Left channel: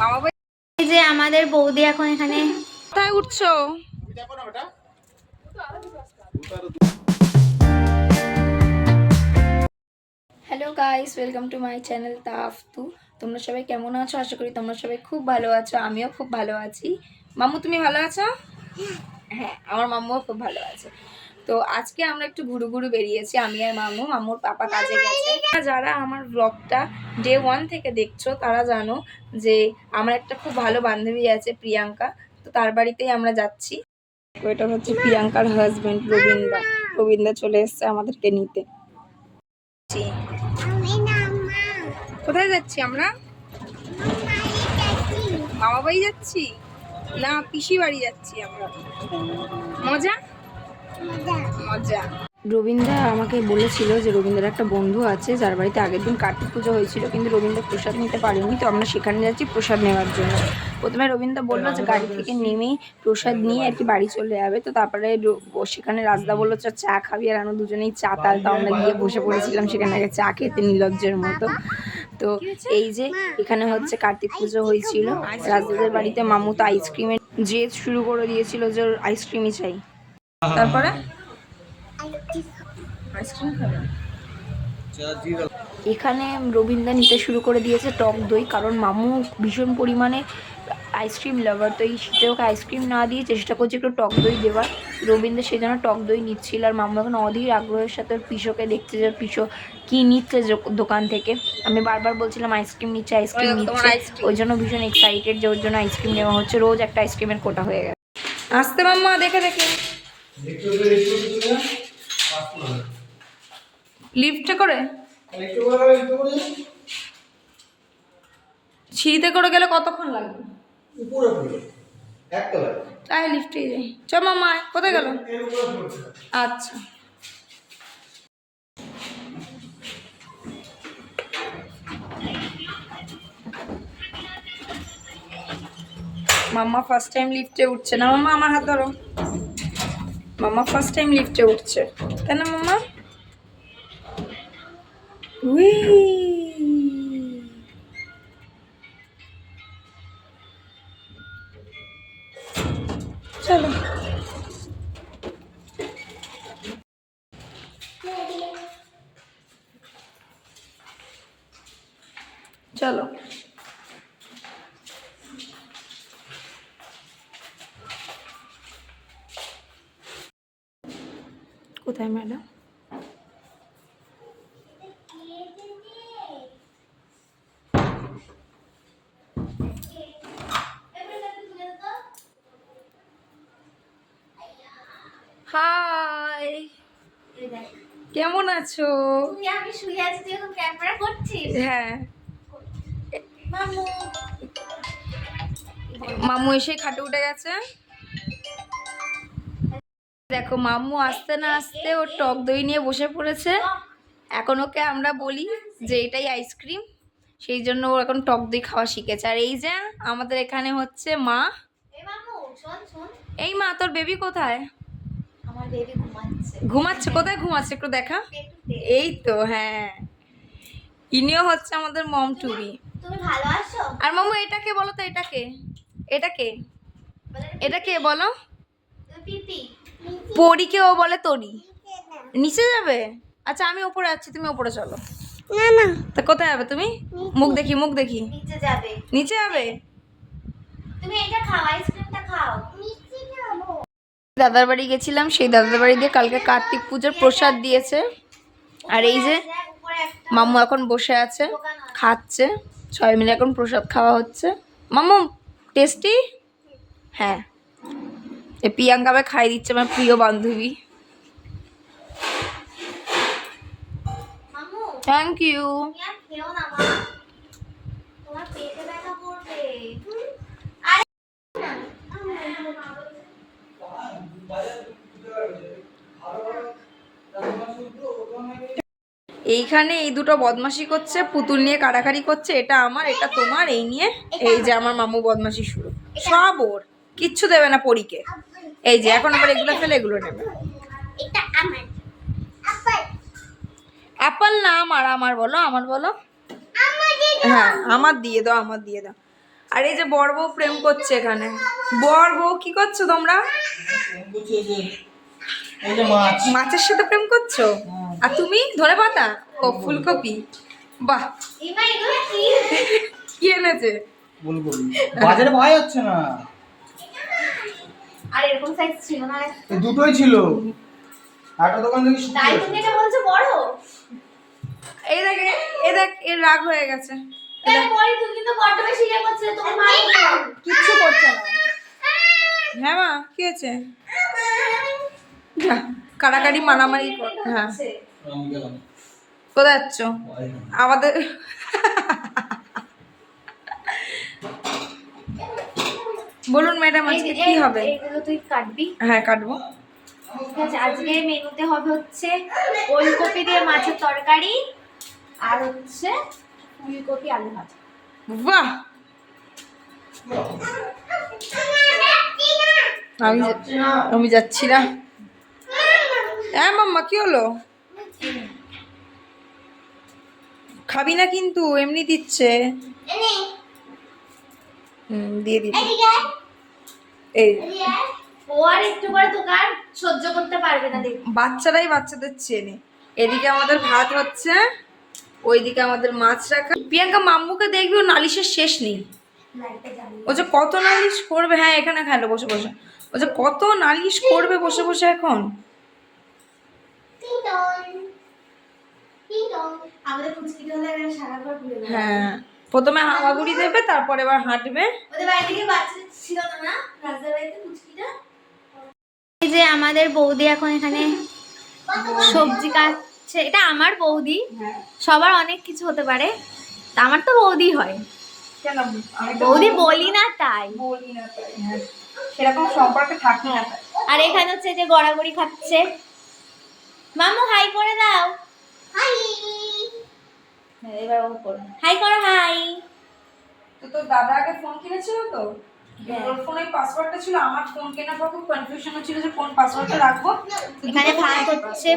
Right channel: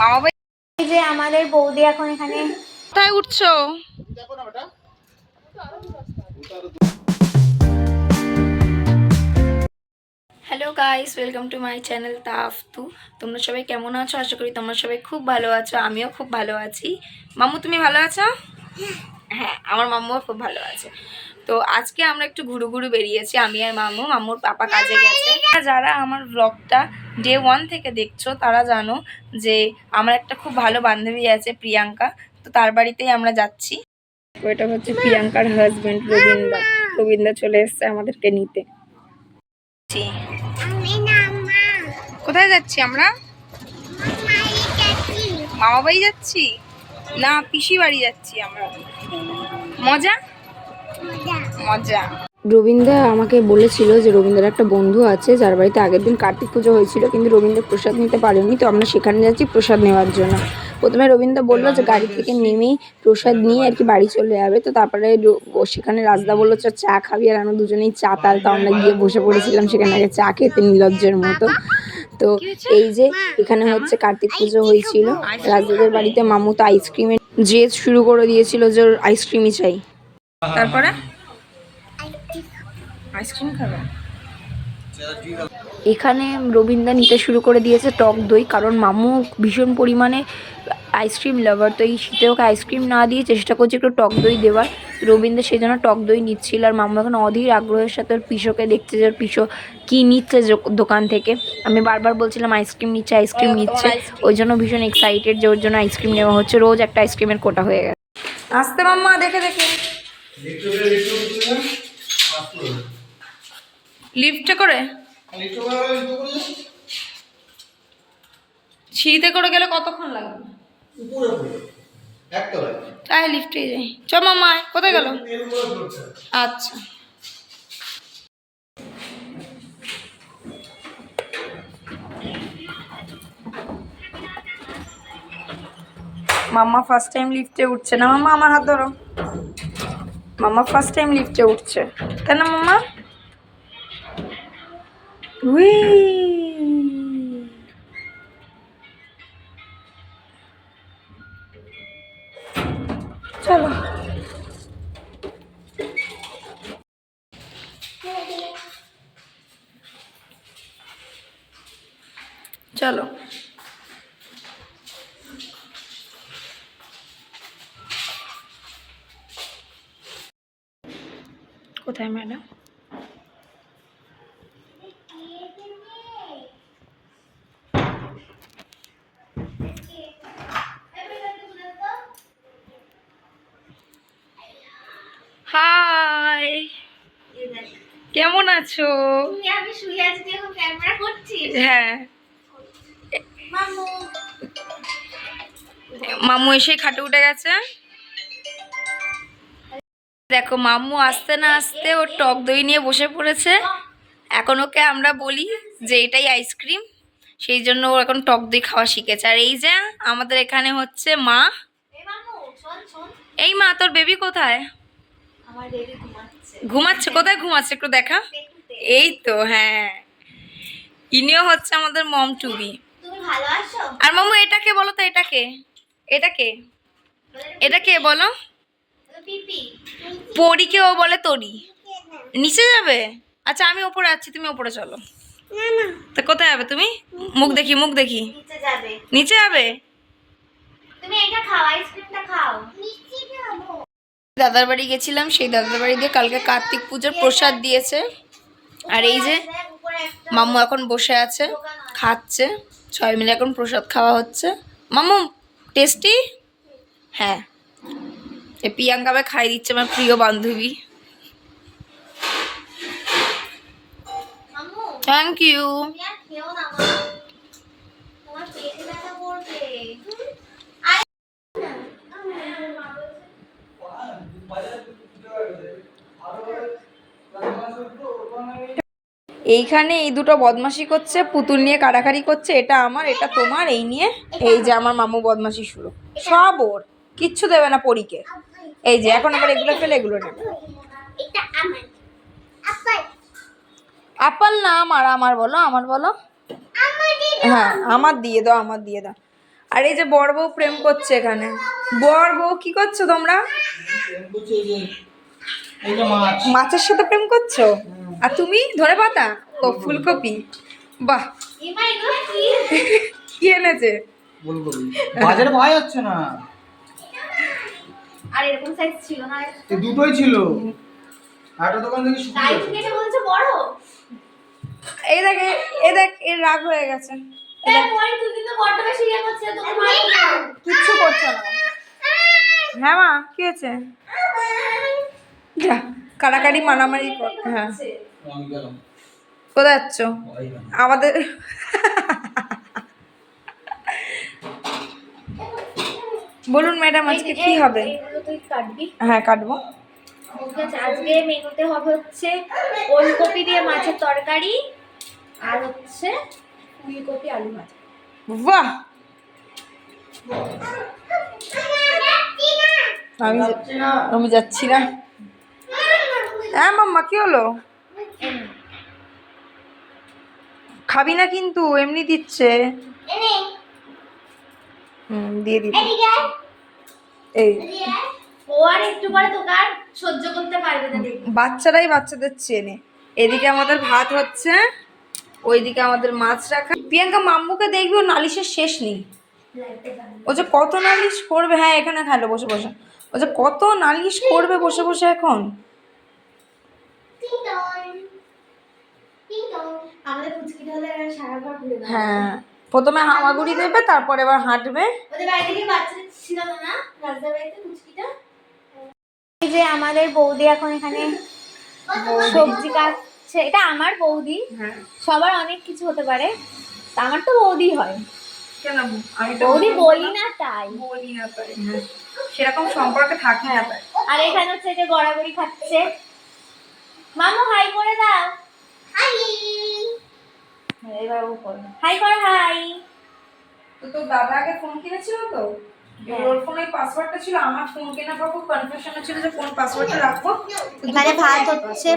মামা ভাই এই যে আমাদের বৌদি এখন এখানে কোথায় উঠছো? Hello guys, welcome to my channel Taftu. তোমরা সবাই কেমন আছো? আশা করি তোমরা সবাই খুব ভালো আছো। আমিও খুব ভালো আছি। মাম্মু, তুমি ভালো আছো? হ্যাঁ, আমার মাম্মুও খুব ভালো আছে। তো আজকে আমরা একটু ঘুরু ঘুরু বেরিয়েছি, আমি আর মাম্মু। মাম্মুর পাপা কাজে গেছে। যারা আমার ব্লগটা ডে 1 থেকে দেখছো তারা জানো যে আমার একটা খুব ভালো বান্ধবী আছে, প্রিয়াঙ্কা। তো তার বাড়িতেই আমরা যাচ্ছি। এটা হচ্ছে প্রিয়াঙ্কার হাজবেন্ড রবীন্দা। রবীন্দা চলে এসছে আমাদেরকে নিতে। কোথায় যাচ্ছি আমরা? মামা বাড়ি যাচ্ছি না পিসি বাড়ি যাচ্ছি আমরা। মজা মজা। রবীন্দ্র আমাকে বলেছিল যে রবীন্দ্রের একটা বন্ধু আছে যার বাড়িতে আগের দিন কার্তিক পুজো হয়েছিল, কিন্তু রবীন্দ্র প্রসাদ নিতে পারেনি। তো আমরা সেখানে যাচ্ছি প্রসাদ নেওয়ার জন্য। প্রথমে রবীন্দ্র বললো যে গাড়ি থেকে নেমেই প্রসাদ নিয়ে আর কি বাড়ি চলে যাবে। তো তারপরে সেখানে রাজদা বললো চা খাবি, আর আমরা দুজনেই চা তাল। তো আমরা গিয়ে বসে পড়েছিলাম সেখানে আগে চা খেতে নির্লজ্জের মতো। তো এই যে এখানে হচ্ছে কার্তিক পুজো হয়েছিল রাজদাদের বাড়িতে। মামু তো আইসক্রিমের জেদ শুরু করে দিয়েছিল যে আইসক্রিমই চাই। তারপরে আইসক্রিম খাবে। এখানে রবীন্দ্র নিতে শুরু করে দিয়েছে টক দই, কারণ মামু ভীষণ পরিমাণে আইসক্রিম লাভার। তো এই শীতে ওকে আইসক্রিম না দিয়ে চেষ্টা করছে একটু টক দই দেওয়ার। রবীন্দ্র সেই জন্য টক দই নিচ্ছিল, আর মামু এখন অধীর আগ্রহের সাথে ওর পিসোকে দেখছে যে পিসো কী নিচ্ছে দোকান থেকে। আমি বারবার বলছিলাম আইসক্রিম নিচ্ছে আইসক্রিম নিচ্ছে, ওই জন্য ভীষণ এক্সাইটেড যে ওর জন্য আইসক্রিম নেওয়া হচ্ছে। রোজ একটা আইসক্রিমের কোটা হয়ে গেছে। আসতে মাম্মা, দেখে দেখে লিফটে করে সিঁড়িতে করে গেলে কতক্ষণ লাগবে? তাই লিফটে যাই। চ মাম্মা, কোথায় গেল? আচ্ছা, মাম্মা ফার্স্ট টাইম লিফটে উঠছে না। মাম্মা আমার হাত ধরো। মাম্মা ফার্স্ট টাইম লিফটে উঠছে, তাই না মাম্মা? উই, চলো চলো। কোথায় ম্যাডাম? হাই, কেমন আছো? আমি শুয়ে আছি, তুই এখন ক্যামেরা করছিস? হ্যাঁ, মামু মামু এসে খাটে উঠে গেছে। দেখো মাম্মু আসতে না আসতে ওর টক দই নিয়ে বসে পড়েছে। এখন ওকে আমরা বলি যে এটাই আইসক্রিম, সেই জন্য ও এখন টক দই খাওয়া শিখেছে। আর এই যে আমাদের এখানে হচ্ছে মা। এই মা, তোর বেবি কোথায়? আমার বেবি ঘুমাচ্ছে। ঘুমাচ্ছে? কোথায় ঘুমাচ্ছে একটু দেখা। এই তো, হ্যাঁ, ইনিও হচ্ছে আমাদের মম টুবি। তুমি ভালো আছো? আর মাম্মু এটাকে বলো তো, এটাকে এটাকে এটাকে বলো। পিপি পরীকে ও বলে তরি। নিচে যাবে? আচ্ছা, আমি ওপরে আছি, তুমি ওপরে চলো। না না, তা কোথায় যাবে তুমি? মুখ দেখি, মুখ দেখি। নিচে যাবে। নিচে যাবে? তুমি এটা খাও, আইসক্রিমটা খাও। নিচে যাব। দাদার বাড়ি গেছিলাম, সেই দাদার বাড়ি দিয়ে কালকে কার্তিক পুজোর প্রসাদ দিয়েছে। আর এই যে মাম্মু এখন বসে আছে, খাচ্ছে। সবাই মিলে এখন প্রসাদ খাওয়া হচ্ছে। মাম্মু টেস্টি? হ্যাঁ, এ প্রিয়াঙ্কাকে খাই দিচ্ছে, আমার প্রিয় বান্ধবী। মামু থ্যাংক ইউ। তুমি আর খেও না মা, তোমার পেটে ব্যথা করবে। এইখানে এই দুটো বদমাশি করছে, পুতুল নিয়ে কাড়াকাড়ি করছে। এটা আমার, এটা তোমার, এই নিয়ে। এই যে আমার মামু বদমাশি শুরু, সব ওর, কিচ্ছু দেবে না পরীকে। এই যে এখন আবার এগুলো ফেলে এগুলো নেবে। এটা আমার আপেল। অ্যাপল না আমার, আমার বলো, আমার বলো। হ্যাঁ, আমার দিয়ে দাও, আমার দিয়ে দাও। আর আর এই যে বর বউ প্রেম করছে এখানে। বর বউ কি করছো তোমরা? মাছের সাথে প্রেম করছো? আর তুমি ধরে পাতা ও ফুলকপি। বাহ, কি এনেছে? বাজারে ভয় হচ্ছে না, আর এরকম সাইজ ছিল না, এই দুটোই ছিল। একটা দোকান থেকে তাই তুমি এটা বলছো বড়। এই দেখ, এই দেখ, এর রাগ হয়ে গেছে। পরে তুই কিন্তু বড্ড বেশি ইয়ে করছিস, তোকে মারবো। কিচ্ছু করছে না। হ্যাঁ মা, কি হয়েছে? যা, কাড়াকাড়ি মারামারি কর। হ্যাঁ, আমি গেলাম। কোথায় যাচ্ছ? আমাদের বলুন ম্যাডাম, আজকে কি হবে? এগুলো তুই কাটবি। হ্যাঁ, কাটবো। ঠিক আছে, আজকে মেনুতে হবে হচ্ছে ওলকপি দিয়ে মাছের তরকারি আর হচ্ছে ফুলকপি আলু ভাজা। বাহ, আমি যাচ্ছি না। হ্যাঁ মাম্মা, কি হলো? খাবি না কিন্তু, এমনি দিচ্ছে। দিয়ে দিচ্ছি। এই ও আর একটু পরে তোকে আর সহ্য করতে পারবে না, দেখবি। বাচ্চারাই বাচ্চাদের চেনে। এদিকে আমাদের ভাত হচ্ছে, ওইদিকে আমাদের মাছ রাখা। প্রিয়াঙ্কা মাম্মুকে দেখবি, ও নালিশের শেষ নেই। ও যে কত নালিশ করবে। হ্যাঁ, এখানে খাইলো বসে বসে। ও যে কত নালিশ করবে বসে বসে এখন। আমাদের পুচকিটা হলে এরা সারা ঘর ঘুরে বেড়াবে। হ্যাঁ, প্রথমে হামাগুড়ি দেবে, তারপর এবার হাঁটবে। ওদের বাড়িতে কি বাচ্চা ছিল না, না রাজদার বাড়িতে পুচকিটা? এই যে আমাদের বৌদি এখন এখানে সবজি কাটছে। এটা আমার বৌদি। হ্যাঁ, সবার অনেক কিছু হতে পারে, তা আমার তো বৌদি হয়। কেন? আমি তো বৌদি বলি না তাই। বলি না তাই। হ্যাঁ, সেরকম সম্পর্কে থাকে না তাই। আর এখানে হচ্ছে যে গড়াগড়ি খাচ্ছে। মামু হাই করে দাও। হাই। এবার ও করবে। হাই করো, হাই। তো তোর দাদা আগে ফোন কিনেছিল তো, হ্যাঁ। ওর ফোনে পাসওয়ার্ডটা ছিল। আমার ফোন কেনার পর খুব কনফিউশন ছিল যে কোন পাসওয়ার্ডটা রাখবো। তো এখানে দুটো ভাত ফোনে হচ্ছে,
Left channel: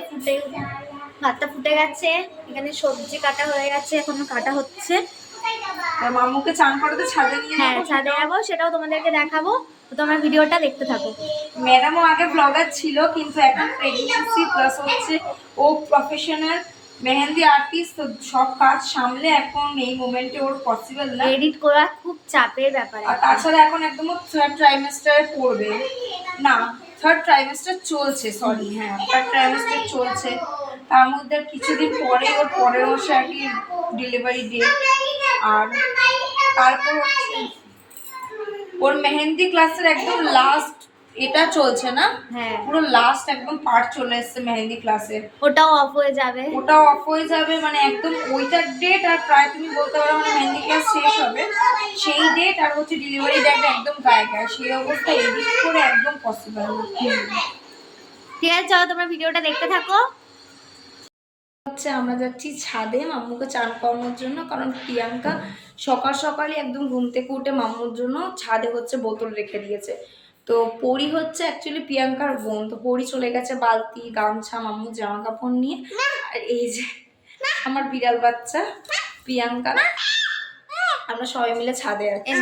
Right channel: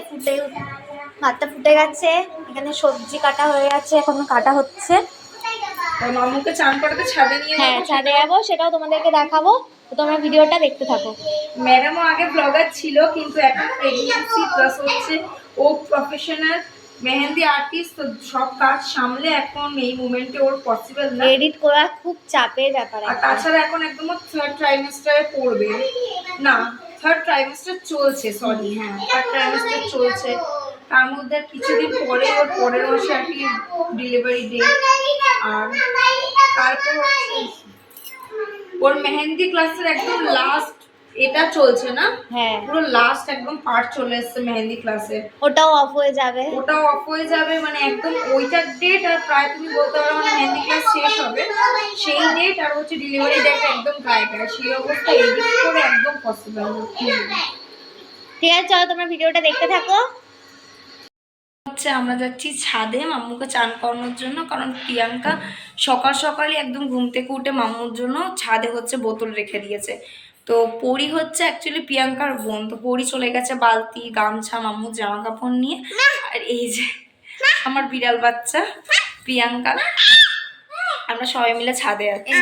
ভাতটা ফুটে গেছে। এখানে সবজি কাটা হয়ে গেছে, এখনো কাটা হচ্ছে। আর মামুকে চান করাতে ছাদে নিয়ে হ্যাঁ, যাবো। ছাদে যাবো, সেটাও তোমাদেরকে দেখাবো। তো তোমরা ভিডিওটা দেখতে থাকো। ম্যাডামও আগে ব্লগার ছিল, কিন্তু এখন প্রেগন্যান্সি প্লাস হচ্ছে ও প্রফেশনাল মেহেন্দি আর্টিস্ট, তো সব কাজ সামলে এখন এই মোমেন্টে ওর পসিবল না। এডিট করা খুব চাপের ব্যাপার। আর তাছাড়া এখন একদম থার্ড ট্রাইমেস্টারে পড়বে না, থার্ড ট্রাইমেস্টার চলছে, সরি, হ্যাঁ থার্ড ট্রাইমেস্টার চলছে। তার মধ্যে কিছুদিন পরে ওর পরের মাসে আর কি ডেলিভারি ডেট। আর তারপর হচ্ছে ওর মেহেন্দি ক্লাসের একদম লাস্ট এটা চলছে না, হ্যাঁ, পুরো লাস্ট একদম পার্ট চলে এসেছে মেহেন্দি ক্লাসের। ওটাও অফ হয়ে যাবে। ওটাও অফ হয়ে যাবে, মানে একদম ওইটার ডেট আর প্রায় তুমি বলতে পারো মানে মেহেন্দি ক্লাস শেষ হবে সেই ডেট আর হচ্ছে ডেলিভারি ডেট একদম গায়ে গায়ে। সেই অবস্থা এডিট করে একদম পসিবল না। ঠিক আছে, চলো তোমরা ভিডিওটা দেখতে থাকো। হচ্ছে আমরা যাচ্ছি ছাদে মাম্মুকে চান করানোর জন্য, কারণ প্রিয়াঙ্কা সকাল সকালই একদম ঘুম থেকে উঠে মাম্মুর জন্য ছাদে হচ্ছে বোতল রেখে দিয়েছে। তো পরি হচ্ছে অ্যাকচুয়ালি প্রিয়াঙ্কার বোন। তো পরি চলে গেছে বালতি গামছা মাম্মুর জামা কাপড় নিয়ে। আর এই যে আমার বিড়াল বাচ্চা প্রিয়াঙ্কা, আমরা সবাই মিলে ছাদে আছি।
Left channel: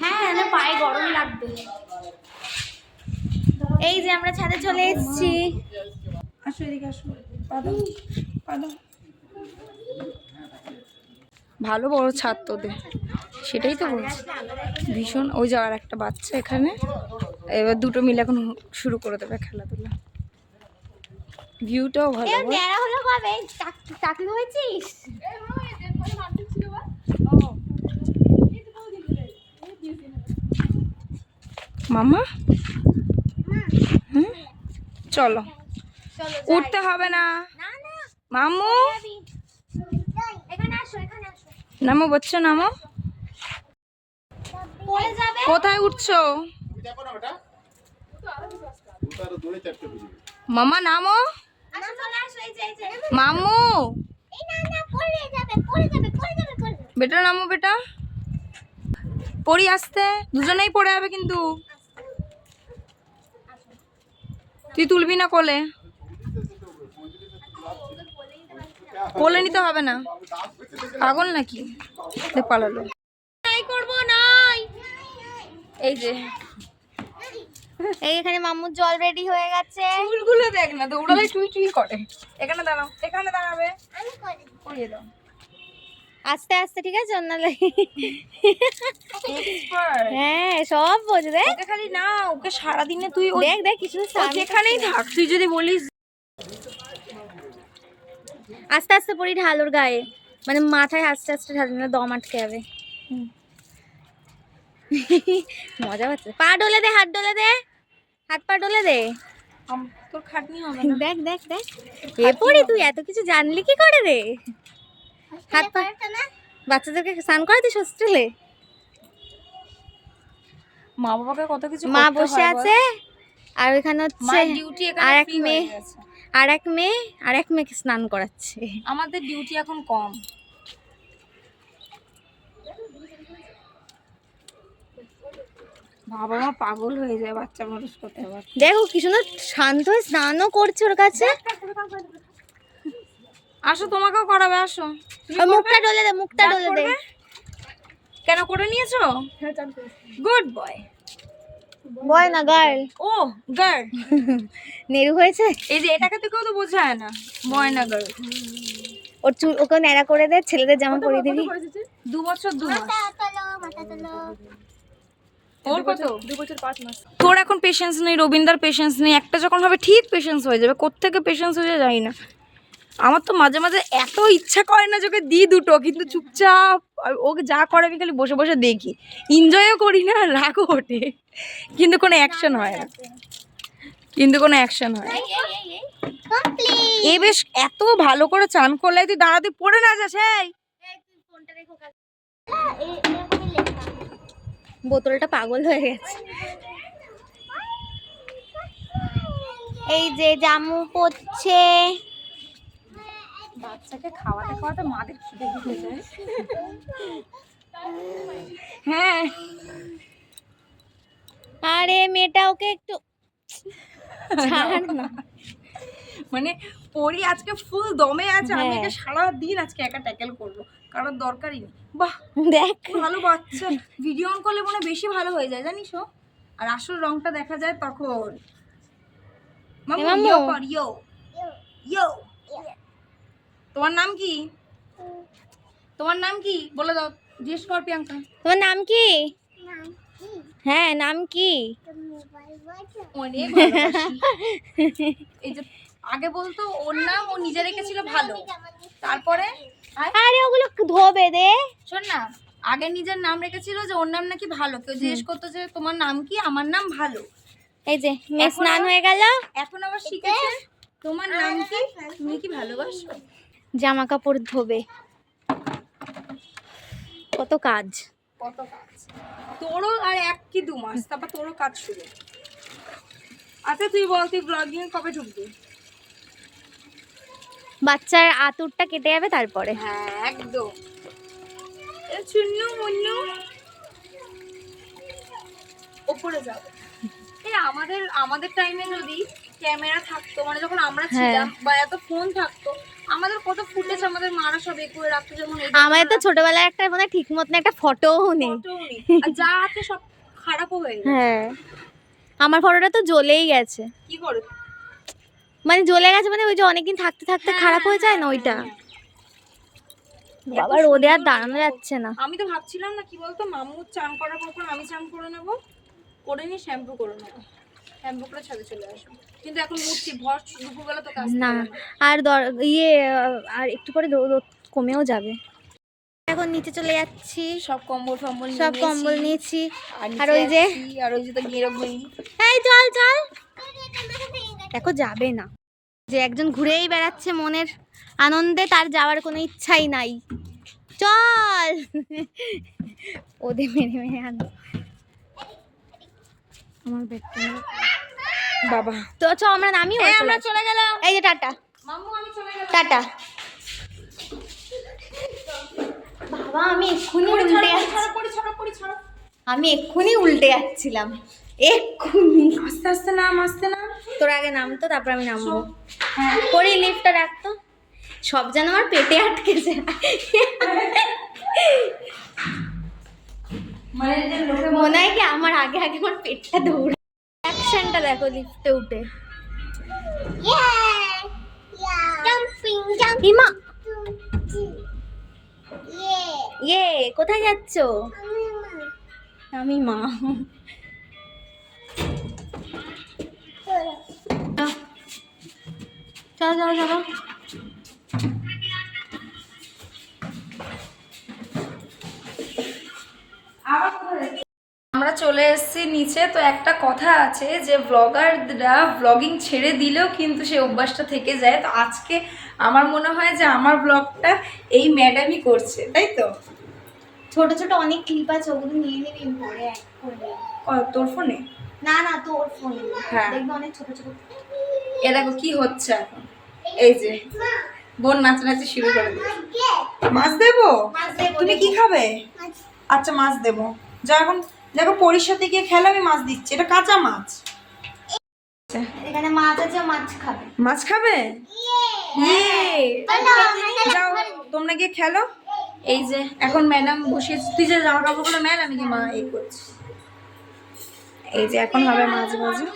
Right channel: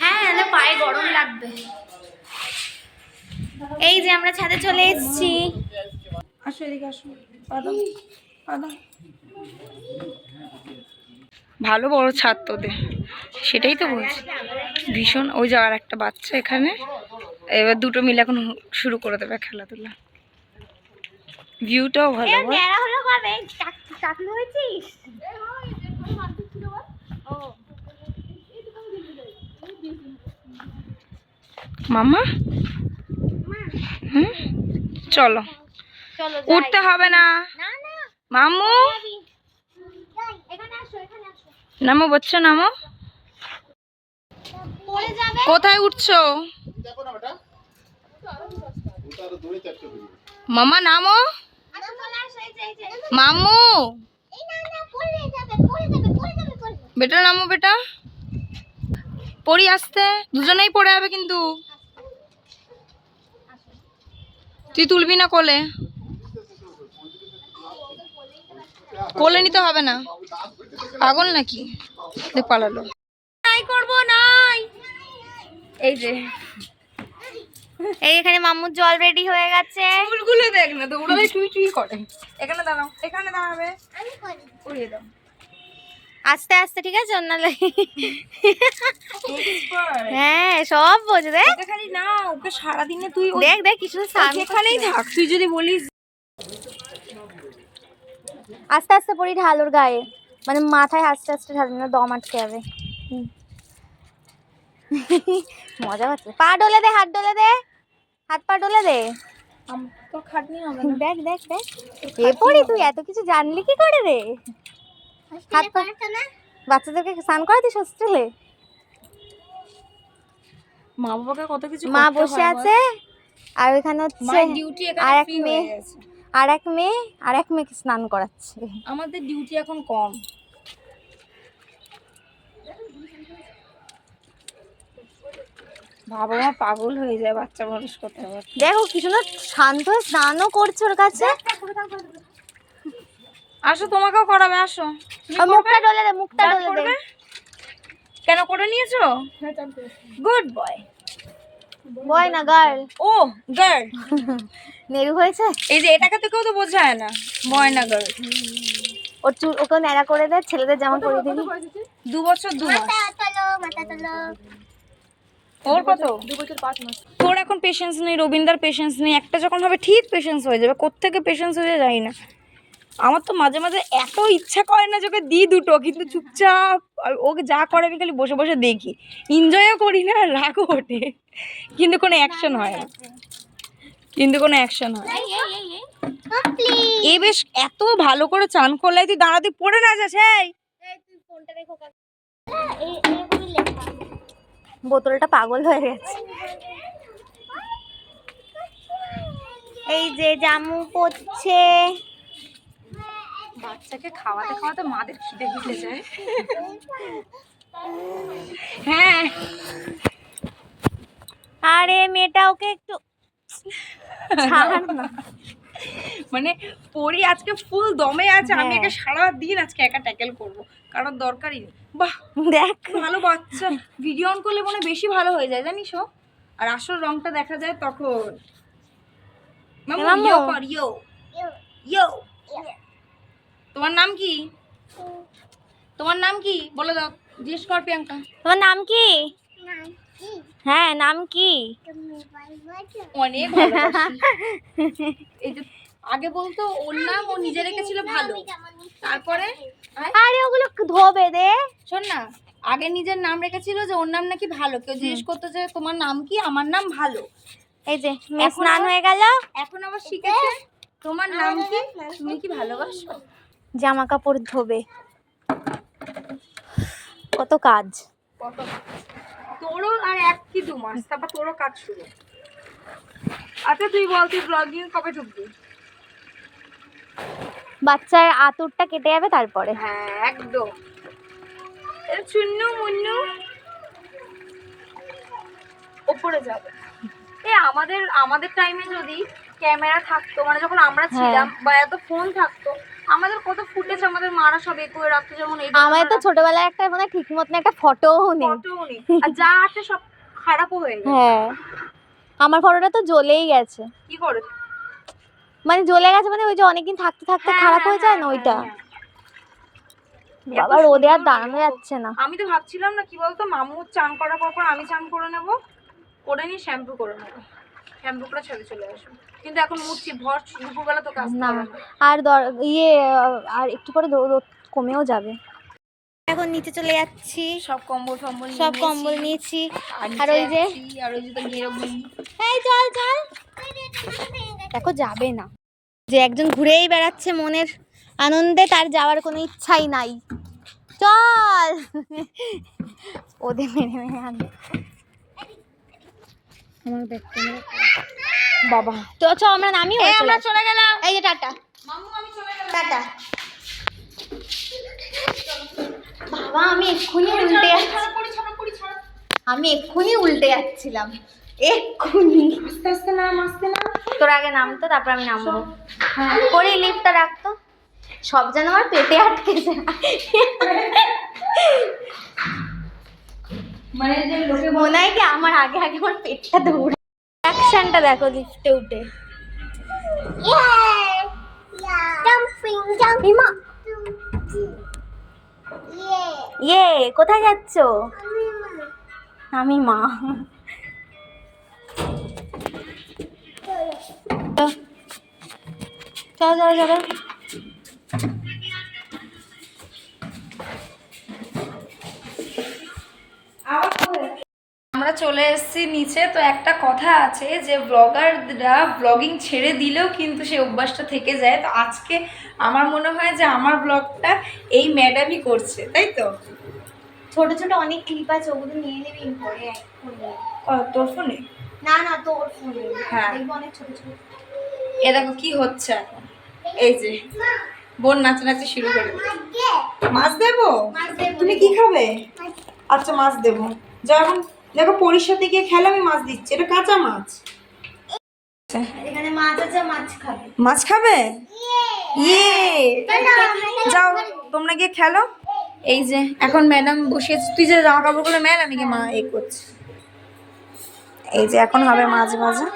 হ্যাঁ, না পায়ে গরম লাগবে। এই যে আমরা ছাদে চলে এসেছি। আসো এদিকে আসো, পাদম পাদম। ভালো বড় ছাদ তোদের, সেটাই তো বলছি ভীষণ। ওই যে আর একটা বাচ্চা এখানে, এবার দুটো মিলে এখন শুরু করে দেবে খেলাধুলা। ভিউটাও ভালো। ন্যাড়া হলো কবে? চাকরি হয়েছিস? মামা হুম, চলো চলো উঠতে হবে না। না না মামু এখানে আসো, এখানে আসো। নামো বাচ্চা নামো। পড়ে যাবে। কোথায় উঠছো মামা? নামো আসো, চলে আসো। এই যে, এই যে। মামু, এই না না, পড়ে যাবে, পড়ে যাবে, পড়ে যাবে, পড়ে যাবে। বেটা নামো বেটা। পড়ি আসতে, দুজনেই পড়ে যাবে কিন্তু। তুই তুলবি না কোলে? কোলে নিতে হবে না, পাগল নাকি? পালালো। নাই করব নাই। এই যে এই এখানে মাম্মুর জল রেডি হয়ে গেছে। ফুলগুলো দেখ না, দৌড়ালে টুই টুই করে। এখানে দাঁড়াও, এখানে দাঁড়াবে। উড়িয়ে দাও। আস্তে আস্তে, ঠিক আছে? নাহলে হ্যাঁ সব বোঝে। দেখ এটা খালি না, ওকে সারাদিনে তুই দেখ দেখ কিছু যেখানেই থাক, তুই যদি বলিস আস্তে আস্তে পড়ি ঢাল ওর গায়ে, মানে মাথায় আস্তে আস্তে ঢাল, না দম আটকে যাবে। মজা হচ্ছে। পা ডলে দে, হাত ডলে দে, হাত পা ডলে দে। তোর খাটনি হবে। দেখ দেখ দেখ, এ পড়ি তুই এত কিছু জানলি কি করে রে? হাত পা, বাচ্চাদেরকে স্নান করাতিস হোস্টেলে? মা বাবাকে কত কিছু মা করতে বসে হয় বল। আছে, আর ওখানে হচ্ছে মায়ের ডিউটি এখানে আর এক free হয়ে মেয়ে, গেছে। আর এক মেয়েকে স্নান করাচ্ছে। আমাদের ডিউটি এখন কম। বাবা মা পাগল হয়ে যায় বাচ্চা মানুষ করতে হবে। দেখো কি সুন্দর শান্ত হয়ে স্নানও করছে ওর কাছে। আসো, তোমাকেও করাবে, আসো। ও মুখটা ডলে দে, মুখটা ডলে দে। কেন করে নিয়েছো? Good boy. বয় না গার্ল, ও গার্ল। নেরু হয়েছে। এই যে এটাকে তো কেউ তো বোঝায় না, বয় না গার্ল। ওর চুল ওকে ন্যাড়া করে দে, ছেলেদের জামা পরিয়ে দিবি। 2 বছর 2 মাস। ওর কত? 2 বছর 5 মাস। তোর এখন পেশেন্স নেই, রবীন্দার পেশেন্স নেই। একটা যখন হবে ঠিক পেশেন্স হয়ে যাবে। কোত্থেকে পেশেন্স হয়ে যায় জানি না। আমার তো মাঝে মাঝে এত ইচ্ছা করে না যে ওকে দিই দুটো, কিন্তু চুপচাপ ওকে যা করে আমি খালি বসে বসে দেখি, এনজয়ও করি না, রাগও ওঠে, কিন্তু কোনো অ্যাকশন হয় না, এ বেশ এত ভালো করে চান করলে তুই দাঁড়াতে পড়ে না যাস। এই বোতলটা পাগল হয়ে গেছে। এই যে জামু পড়ছে। বাচ্চাকে খাওয়াতে খাওয়াতে মাদের খিদে খিদে যায়। হ্যাঁ, আরে মেয়েটা ওকে একটু ছাড় না। মানে পরি আজকে ফুল দমে আছে। আমি হ্যাঁ। একে সারা দিন আজকে একা ট্যাকেল করব, কারণ দরকারই নেই। বাহ, দেখ ভালো বাচ্চা। ভিডিও অন করলে মনে হয় বেশি ভালো হয়ে যায় জানিস ও, আর আসল রংটা দেখা যায় তখন। মামু মামু। ইয়ো কর, ইয়ো ইয়ো। তোমার নাম কি? তোমার নাম কি বলে দাও, জিজ্ঞেস কর প্রিয়াঙ্কা। তোমার নাম কি? হ্যাঁ নাম কি? অনেক ভালোবাসি। এই যে আগে বলতো ওর নাম ও নিজে রেখেছিল ভালো, তারপরে আরে ওগুলো ধোবে দে। শোন না, আগে নিজের নাম রেখেছিল যে ওর নাম নাকি ভালো। কেউ জিজ্ঞেস করতো যে তোমার নাম কি, আমার নাম ভালো। এই যে মেয়ে স্নান হয়ে গেল, এখন আবার শিখেছে তোমার নাম কি, তুমি কি ভালোবাসো। জামা কাপড় ধোবে, কত কাজ। কত কাজ। তোরও আর 1 কি 2 মাস, তারপর তোরও কাজ শুরু। আচ্ছা তুই বল, তুই ব্লগিং কবে ঢুকবি? বাচ্চার আতুরটা কেটে যাবে তারপরে। হ্যাঁ একদম। চুন্নু মুন্নু ওপরে যাবে। আমাদের টাইমে যদি ক্যামেরা থাকতো, মানে যখন আমরা ছিলাম, বা এত ফোন থাকতো, আমাদের কত ফুটেজ আমাদের মারা সব করে রাখতো। যেমন এই আমার তো ছোটবেলায় একটা মানে ঠিক মতন একটা ফটোও নেই। ফটোও নেই, আর যা আছে সব খারাপও হয়ে গেছে। হ্যাঁ আমার ফটোটা তো জ্বলেই গেছে। কি করে? মানে জ্বলে গেছে মানে ওই যে অনেকদিন থাকতে থাকতে খারাপ হয়ে যায় না ওইটা। বাবা রোদে আর দাঁড়ানো যাচ্ছে না। আমি তো ভাবছিলাম না কি বলতো, মামু চান করার পর আমি চান করে নেব, করে নিয়ে শ্যাম্পু করে নেবো, শ্যাম্পু করে ছেড়ে চলে আসবো। কিন্তু এখন মুছছি, ভর দুপুরবেলা তো কাজ না না। আর আর একটু পরে রোদ কমেও যাবে। এখন নিচে চলে যাচ্ছি, সব কম্বল টম্বল সব কম্বল নিয়েছি। আর আর ওই যে তো গেরোগিরি। এই চল চল, দেখো যাবে না যে একজন ঘুরেই বেড়াচ্ছে মনের আনন্দে, তার যাওয়ার কোনো ইচ্ছাই নাই। চল ওদের মেরে মেরে আনবে আমার ব্যাগটা। বাবা তো চ আমরা নামি, আমরা চলে গেলাম। এই যে টাটা মামু আমি চলে গেলাম, টাটা। বাবা আমি এক্ষুনি উল্টে উল্টে যাচ্ছিলাম এক্ষুনি। আস্তে আস্তে নাম, আস্তে নাম। তোর আগে নামতো, তারপর আমি নামবো। করি লিফটটা রাখতো। সব যেন আমার পেটে আটকেছে। মানে যে লোকে মনে হয় কি আমার আগে আগে আমার পেটটা দৌড়ে। অ্যাকশনটা দেখো লিফটে উঠে। ইমা ইয়ে কোথায় যাচ্ছ? আমি মা। চলো চলো চলো। আমরা চলে এসেছি নিচে। তো একটা কথা আছে যে ব্লগাররা ব্লগিং ছেড়ে দিলেও কিন্তু সেই অভ্যাসটা থেকে যায়। তো আজকে আমার মনে হয় যে আমার ব্লগটা এই ম্যাডামই করছে, তাই তো? ছোট ছোট অনেক ক্লিপ আছে, ওগুলো নিয়ে নিবি পরে অ্যাড করবি। তোর ফোনে? না না তোর ফোনে হ্যাঁ দেখবি অনেক ছোট ছোট। এ দেখো কি হচ্ছে এখন। এই যে বোন নাচানাচি শুরু করে দিয়েছে। মাছ দেবো? তুমি কি খাবে? আচ্ছা মাছ দেবো। যা এখন দেখো পরীর সাথে গিয়ে খেলে, আমি মাছ দিচ্ছি। এটা কাঁচা মাছ। এখানে মাছ আছে, মাছ খাবে। মাছ খাবে? ইয়ে যাও তোমরা গিয়ে খেলো। এই যে এখন ম্যাডাম বসিয়েছে, তুই যে জামা কাপড়গুলো মেল, আমি কি মা এই করছি। এই যে এখন হবে মাছ ভাজা।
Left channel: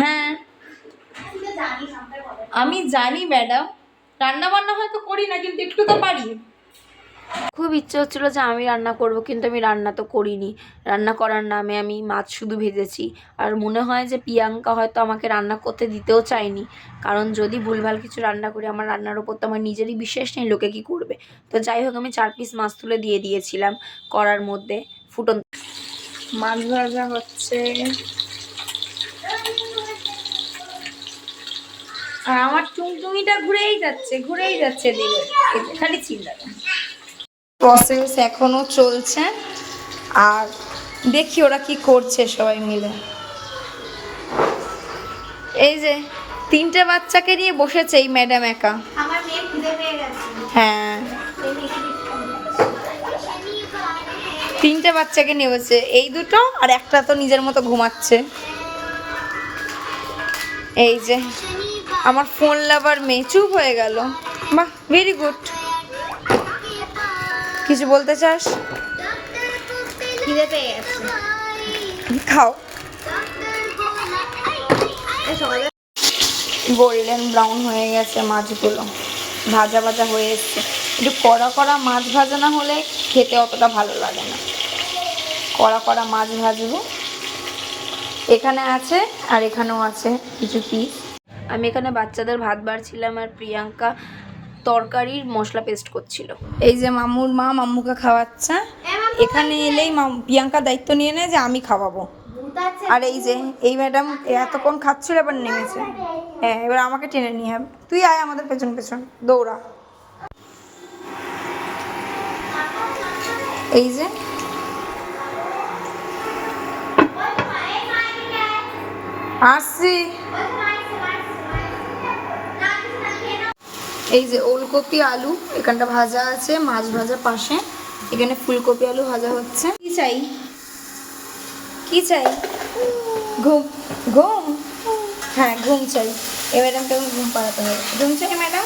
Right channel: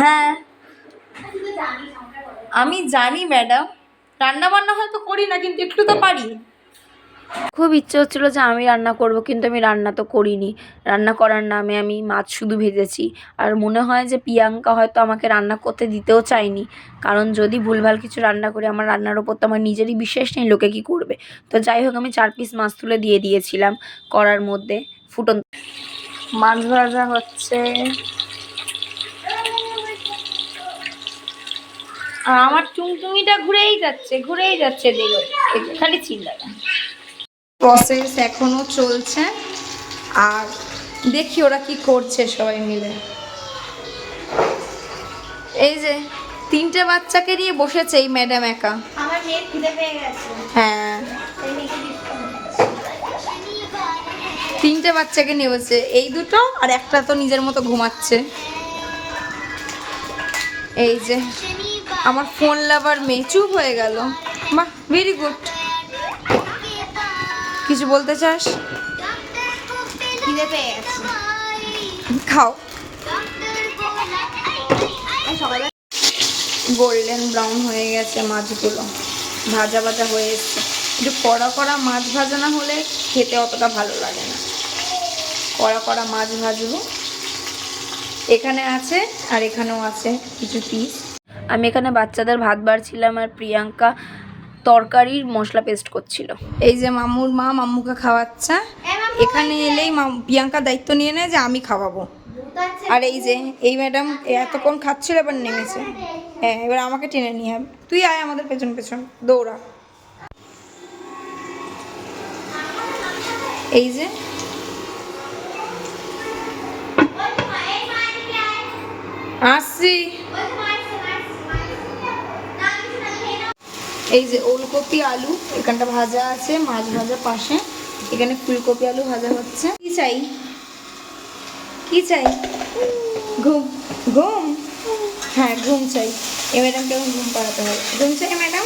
হ্যাঁ আমি জানি ম্যাডাম, রান্না বান্না হয়তো করি না কিন্তু একটু তো পারি। খুব ইচ্ছে হচ্ছিলো যে আমি রান্না করব, কিন্তু আমি রান্না তো করিনি। রান্না করার নামে আমি মাছ শুধু ভেজেছি। আর মনে হয় যে প্রিয়াঙ্কা হয়তো আমাকে রান্না করতে দিতেও চায়নি, কারণ যদি ভুলভাল কিছু রান্না করি আমার রান্নার ওপর তো আমার নিজেরই বিশ্বাস নেই, লোকে কি করবে। তো যাই হোক আমি 4 পিস মাছ তুলে দিয়ে দিয়েছিলাম কড়ার মধ্যে। ফুটন মাছ ভাজা হচ্ছে আর আমার টুংটুমিটা ঘুরেই যাচ্ছে দেখো, খালি চিল্লাটা। প্রসেস এখনো চলছে আর দেখি ওরা কি করছে সবাই মিলে। এই যে 3টে বাচ্চাকে নিয়ে বসেছে এই ম্যাডাম একা। আমার মেয়ে খিদে পেয়ে গেছে। হ্যাঁ 3টে বাচ্চাকে নিয়ে বসে, এই দুটো আর একটা তো নিজের মতো ঘুমাচ্ছে। এই যে আমার ফোন লাভার মেয়ে চুপ হয়ে গেল। বাহ ভেরি গুড। কিছু বলতে চাস? খিদে পেয়ে গেছে। খাও। সকালে গোল্ডেন ব্রাউন হয়ে গেছে মাছগুলো, ভাজা ভাজা হয়ে এসছে। একটু কড়া কড়া মাছ ভাজা না হলে খেতে অতটা ভালো লাগে না। কড়া কড়া মাছ ভাজবো। এখানে আছে আর এখানেও আছে কিছু পিস। আমি এখানে বাচ্চাদের ভাত বাড়ছিলাম আর প্রিয়াঙ্কা তরকারির মশলা পেস্ট করছিল। এই যে মামুর মা মাম্মুকে খাওয়াচ্ছে। এখানে এলেই প্রিয়াঙ্কা দায়িত্ব নিয়ে নেয় যে আমি খাওয়াবো। আর এই যে এই ম্যাডাম এতক্ষণ খাচ্ছিল এবার নেমেছে। হ্যাঁ এবার আমাকে টেনে নিয়ে হবে। তুই আয় আমাদের পেছন পেছন দৌড়া। এই যে আসছি। এই যে ওলকপি আলু এখানটা ভাজা আছে, মাছ ভাজা পাশে, এখানে ফুলকপি আলু ভাজা হচ্ছে। কি চাই কি চাই? ঘুম ঘুম? হ্যাঁ ঘুম চাই। এ ম্যাডামকে এখন ঘুম পাড়াতে হবে। ঘুম চাই ম্যাডাম?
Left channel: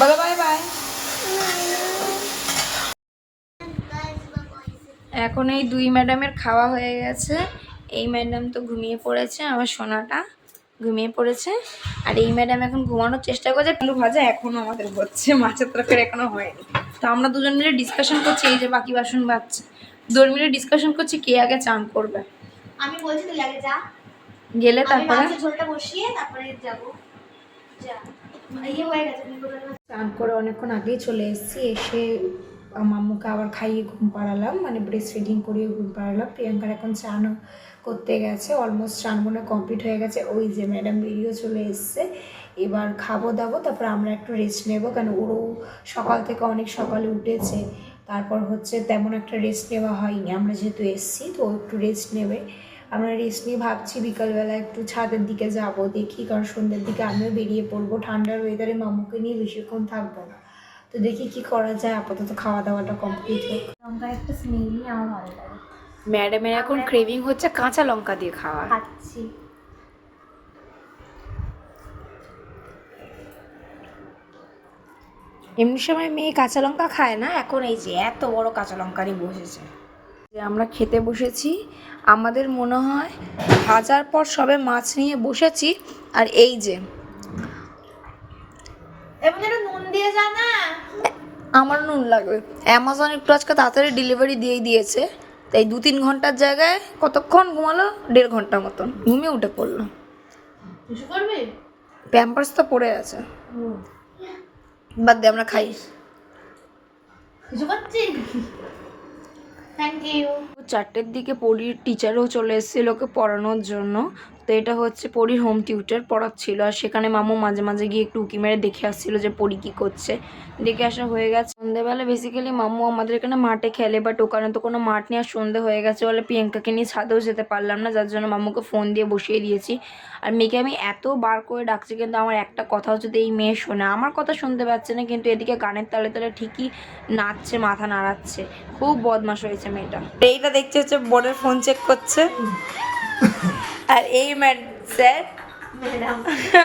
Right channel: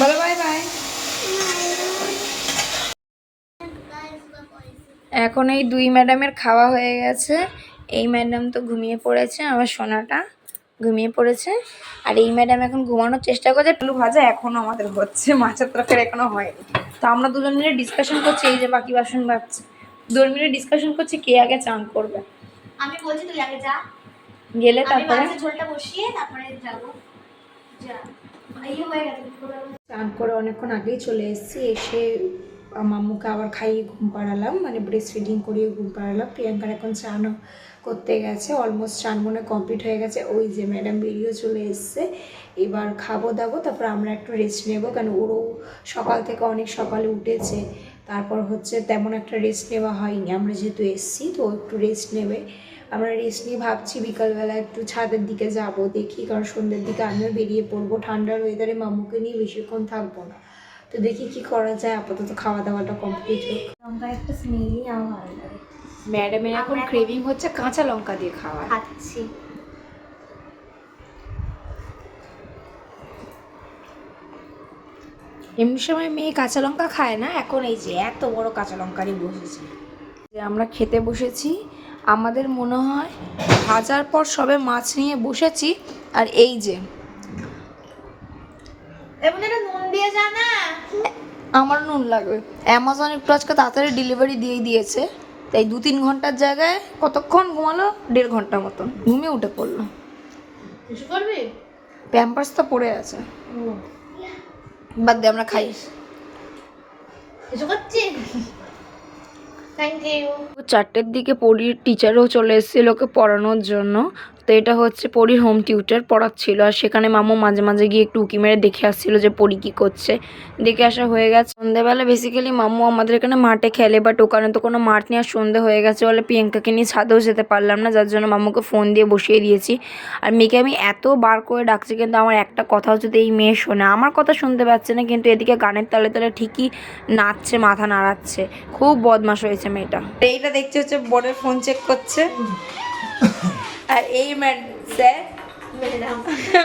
বলো বাই বাই। এখন এই 2 ম্যাডামের খাওয়া হয়ে গেছে। এই ম্যাডাম তো ঘুমিয়ে পড়েছে, আমার সোনাটা ঘুমিয়ে পড়েছে। আর এই ম্যাডাম এখন ঘুমানোর চেষ্টা করছে। আলু ভাজা এখনও আমাদের হচ্ছে, মাছের তরকারি এখনও হয়নি। তো আমরা দুজন মিলে ডিসকাশন করছি, এই যে বাকি বাসন বাজছে, দুজন মিলে ডিসকাশন করছি কে আগে চান করবে। আমি বলছি তুই আগে যা, গেলে তারপরে মাছের ঝোলটা বসিয়ে তারপরে যাবো। যা ইয়ে হয়ে গেছে। চান করে অনেকক্ষণ আগেই চলে এসেছি। এসে মাম্মুকে আবার খাইয়ে ঘুম পাড়ালাম, মানে ব্রেস্ট ফিডিং করিয়ে ঘুম পাড়ালাম। প্রিয়াঙ্কার এখন চানও করতে গেছে, অলমোস্ট চান মনে কমপ্লিট হয়ে গেছে। ওই যে ম্যাডাম বেরিয়েও চলে এসছে। এবার খাবো দাবো, তারপর আমরা একটু রেস্ট নেবো, কারণ ওরও সকাল থেকে অনেক সকালে উঠেছে। তারপর হচ্ছে তেমন একটা রেস্ট নেওয়া হয়নি, আমরা যেহেতু এসছি তো একটু রেস্ট নেবে। আমরা রেস্ট নিয়ে ভাবছি বিকালবেলা একটু ছাদের দিকে যাব, দেখি, কারণ সন্ধ্যের দিকে আমিও বেরিয়ে পড়বো। ঠান্ডার ওয়েদারে মাম্মুকে নিয়ে বেশিক্ষণ থাকবো না, তো দেখি কি করা যায়। আপাতত খাওয়া দাওয়াটা কমপ্লিট হোক। লঙ্কার একটা স্মেলই আমার ভালো লাগে। ম্যাডামের এখন ক্রেভিং হচ্ছে কাঁচা লঙ্কা দিয়ে খাওয়া। খাচ্ছি। এমনি সময় মেয়ে কাঁচা লঙ্কা খায় না, এখন এই যে এত বড় কাঁচা লঙ্কা নিয়ে বসেছে। যে আমরা খেতে বসেছি, আমাদের মনে হয় ভাজার পর সবে মাছ নিয়ে বসেছি। আর এই যে নুন দিয়ে যা না, আমার নুন লাগবে। অ্যামাজন একটু আজকে তাড়াতাড়ি ডেলিভারি দিয়ে দিয়েছে, তাই 2-3 ঘন্টার জায়গায় কতক্ষণ ঘুমালো, 1.5 ঘন্টার মতন ঘুমিয়ে উঠে পড়লো। কিছু করবি? প্যাম্পার্স তো পড়ে আছে, বাদ দে, আমরা খাই। কিছু করছিস? Thank you. 4টের দিকে পরীর টিচারও চলে এসেছিল ওকে পড়ানোর জন্য। তো এটা হচ্ছে পরীর হোম টিউটার পড়াচ্ছিল, আর সেখানে মামু মাঝে মাঝে গিয়ে একটু উকি মেরে দেখে আসছিল যে পরী কী করছে। দেখে আসা হয়ে গেছে। সন্ধ্যেবেলা বেসিক্যালি মামু আমাদের এখানে মাঠে খেলে, বাট ওখানে তো কোনো মাঠ নিয়ে আর সন্ধ্যে হয়ে গেছে বলে প্রিয়াঙ্কাকে নিয়ে ছাদেও যেতে পারলাম না, যার জন্য মামুকে ফোন দিয়ে বসিয়ে দিয়েছি। আর মেয়েকে আমি এত বার করে ডাকছি, কিন্তু আমার একটা কথাও যদি এই মেয়ে শোনে, আমার কথা শুনতে পাচ্ছে না, কিন্তু এদিকে গানের তালে তালে ঠিকই নাচছে, মাথা নাড়াচ্ছে। খুব বদমাশ হয়েছে মেয়েটা। এইটা দেখছে হচ্ছে বোর্ডের ফোন চেক করছে। আর এই স্যার,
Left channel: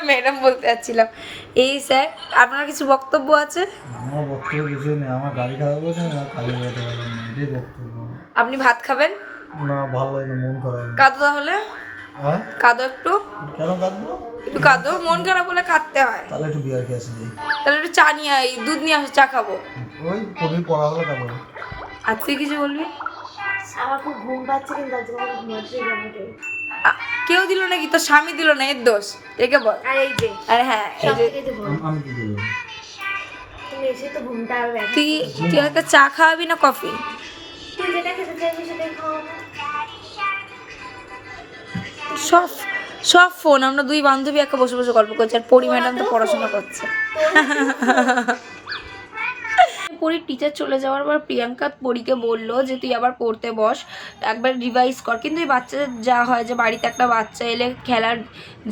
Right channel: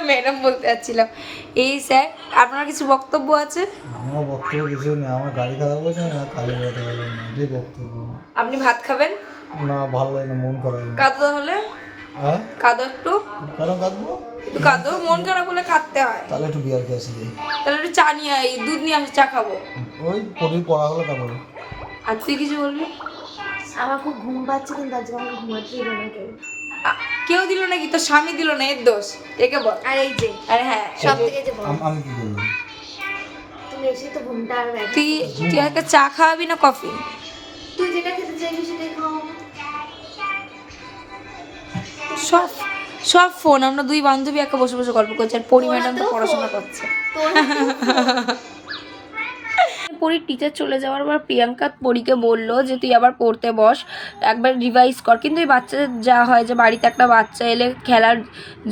ম্যাডাম বলতে চাচ্ছিলাম, এই স্যার আপনার কিছু বক্তব্য আছে? আমার বক্তব্য কিছু নেই, আমার গাড়ি খারাপ হয়েছে, আমি কাজে বেরোতে পারলাম না, এটাই বক্তব্য। আপনি ভাত খাবেন? না, ভালো লাগে না, মন খারাপ। কাঁদো তাহলে, হ্যাঁ, কাঁদো একটু, কেন কাঁদবো? একটু কাঁদো, মন খারাপ হলে কাঁদতে হয়। তাহলে একটু বিয়ার খেয়ে আসি। তাহলে একটু চা নিয়ে আই, দুধ নিয়ে আসো, চা খাবো। ওই পরির পড়া হলো তারপরে। আর তুই কিছু বলবি? আমার খুব ঘুম পাচ্ছে, কিন্তু আজকে আমাকে ঘুমাতে দিল না কেউ। কেউ দিল নাকি? তোর স্বামী দিল না, এর দোষ। একে বল। আর এই যে আর হ্যাঁ, সব থেকে যে আমি কি বলবো? তুমি এসে তো ঘুমটা আর ব্যাঘাত। তুই একটা চা খাওয়াবি না কফি? তুই যেটা খেতে চাইবি সেটাই খাওয়াবো। সব সব ফোন, আমরা দুই বান্ধবী একা বসে বসে গল্প করছি, আর পরি ম্যাডাম তো পড়াশোনা করছে। পরীর টিচার চলে যাওয়ার পর প্রিয়াঙ্কা পরীকে বললো যে তুই আবার পড়তে বস, একবার রিভাইজ কর। কিন্তু এই বাচ্চাদের যা হয় যে বাড়িতে একটা বাচ্চা এলে খেলার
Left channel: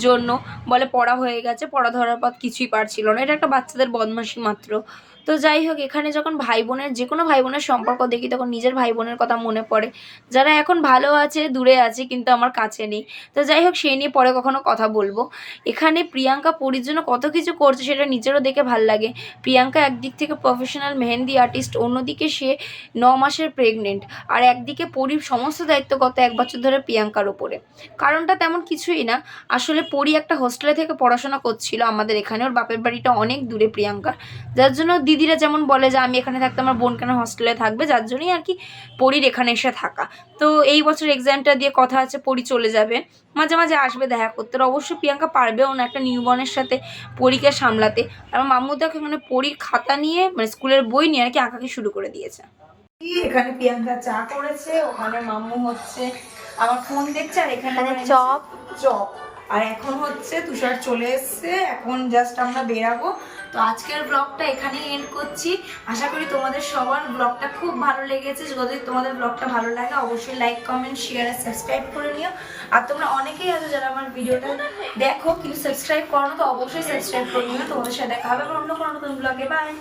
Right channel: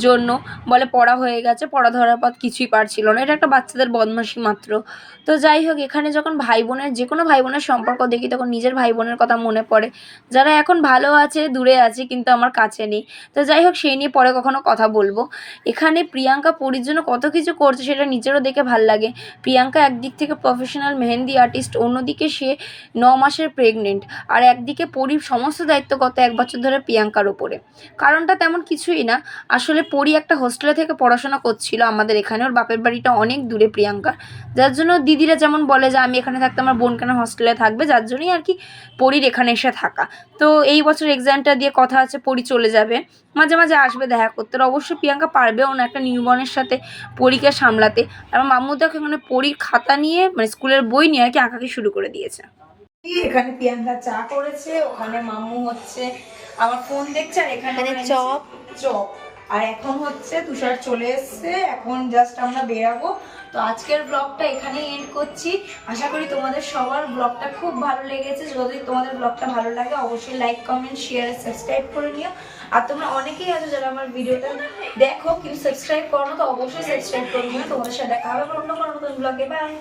জন্য বলে পড়া হয়ে গেছে, পড়া ধরার পর কিছুই পারছিল না। এটা একটা বাচ্চাদের বদমাশি মাত্র। তো যাই হোক, এখানে যখন ভাই বোনের যে কোনো ভাই বোনের সম্পর্ক দেখি, তখন নিজের ভাই বোনের কথা মনে পড়ে, যারা এখন ভালো আছে, দূরে আছে, কিন্তু আমার কাছে নেই। তো যাই হোক, সেই নিয়ে পরে কখনো কথা বলবো। এখানে প্রিয়াঙ্কা পরীর জন্য কত কিছু করছে, সেটা নিজেরও দেখে ভাল লাগে। প্রিয়াঙ্কা একদিক থেকে প্রফেশনাল মেহেন্দি আর্টিস্ট, অন্যদিকে সে 9 মাসের প্রেগনেন্ট, আর একদিকে পরীর সমস্ত দায়িত্ব গত 1 বছর ধরে প্রিয়াঙ্কার ওপরে। কারণটা তেমন কিছুই না, আসলে পরী একটা হোস্টেলে থেকে পড়াশোনা করছিল আমাদের এখানে, ওর বাপের বাড়িটা অনেক দূরে প্রিয়াঙ্কার, যার জন্য দিদিরা যেমন বলে যে আমি এখানে থাকতে আমার বোন কেন হোস্টেলে থাকবে, যার জন্যই আর কি পরীর এখানে এসে থাকা। তো এই বছর এক্সামটা দিয়ে কথা আছে পরী চলে যাবে, মাঝে মাঝে আসবে দেখা করতে। অবশ্যই প্রিয়াঙ্কা পারবেও না একটা নিউবর্নের সাথে পরীকে সামলাতে। আমার মাম্মু দেখো এখানে পরীর খাতা নিয়ে, মানে স্কুলের বই নিয়ে আর কি আঁকাকি শুরু করে দিয়েছে। এখানে প্রিয়াঙ্কা চা করেছে, ওখানে মাম্মু হচ্ছে আমার ফোন দেখছে, আর এখানে চপ। আর এখন হচ্ছে তুষার চলে এসছে, এখন জাস্ট আমরা বেরাবো। তো আজকের ব্লগটা এখানেই এন্ড করছি। আশা করি তোমাদের সবার ব্লগটা খুব ভালো লেগেছে। যদি তোমাদের ব্লগটা ভালো লাগে, অবশ্যই লাইক, কমেন্ট, শেয়ার আর সাবস্ক্রাইব করে নিও। আর তোমরা অনেকেই আছো যারা আমার ভিডিওটা দেখো কিন্তু সাবস্ক্রাইব করো না, তো অবশ্যই সাবস্ক্রাইব করে নিও। তোমাদের সাথে দেখা হবে অন্য কোনো নতুন ব্লগে। বাই।